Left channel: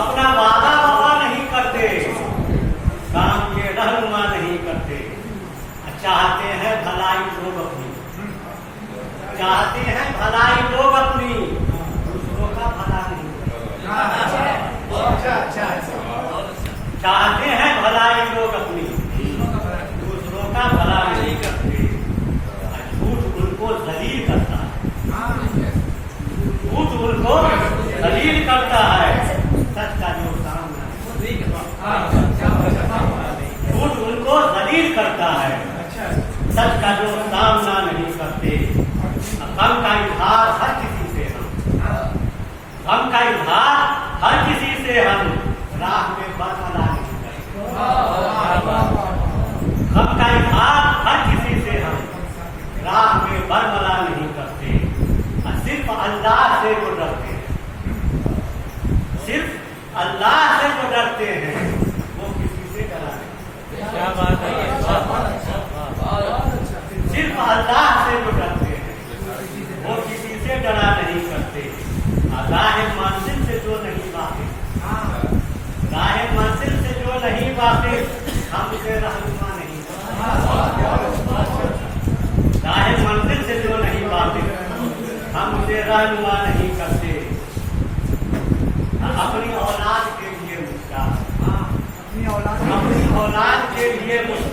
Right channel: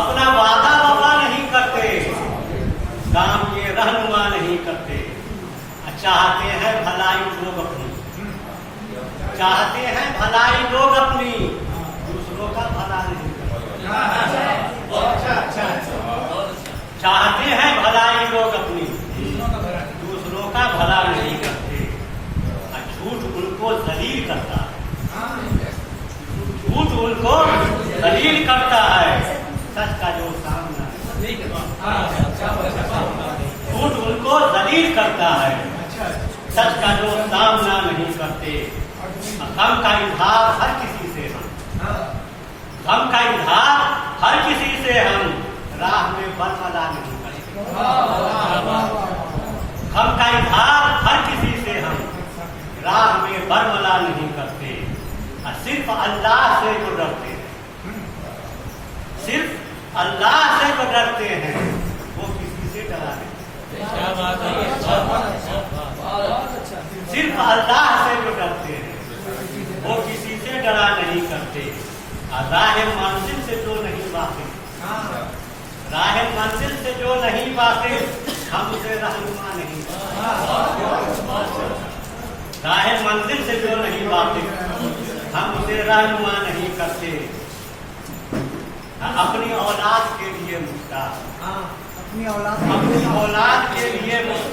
اپنا وعدہ وفا نہیں کرتے، کام کے رہنما نہیں کرتے، چاہتے ہیں بھلائی لوگ اپنی، چاہتے ہیں بھلائی لوگ اپنی، دوسروں کا بھلا نہیں کرتے، چاہتے ہیں بھلائی لوگ اپنی، دوسروں کا بھلا نہیں کرتے، جھوٹ ان کو ذلیل کرتا ہے، جھوٹ ان کو ذلیل کرتا ہے، سچ کا جو سامنا جھوٹ ان کو ذلیل کرتا ہے، سچ کا جو سامنا نہیں کرتے، غم کا اظہار ہر کسی سے ہم، غم کا اظہار ہر کسی سے ہم راہ میں برملا نہیں کرتے، غم کا اظہار ہر کسی سے ہم راہ میں برملا نہیں کرتے، صرف اللہ سے جو ڈرتے ہیں، صرف اللہ سے جو ڈرتے ہیں وہ کسی سے ڈرا نہیں، صرف اللہ سے جو ڈرتے ہیں وہ کسی سے ڈرا نہیں کرتے، راہ منزل سے جو نہیں واقف، راہ منزل سے جو نہیں واقف ہم اسے رہنما نہیں کرتے، راہ منزل سے جو نہیں واقف ہم اسے رہنما نہیں کرتے، اپنی اولاد کے لیے مسکا، اپنی اولاد کے لیے مسکا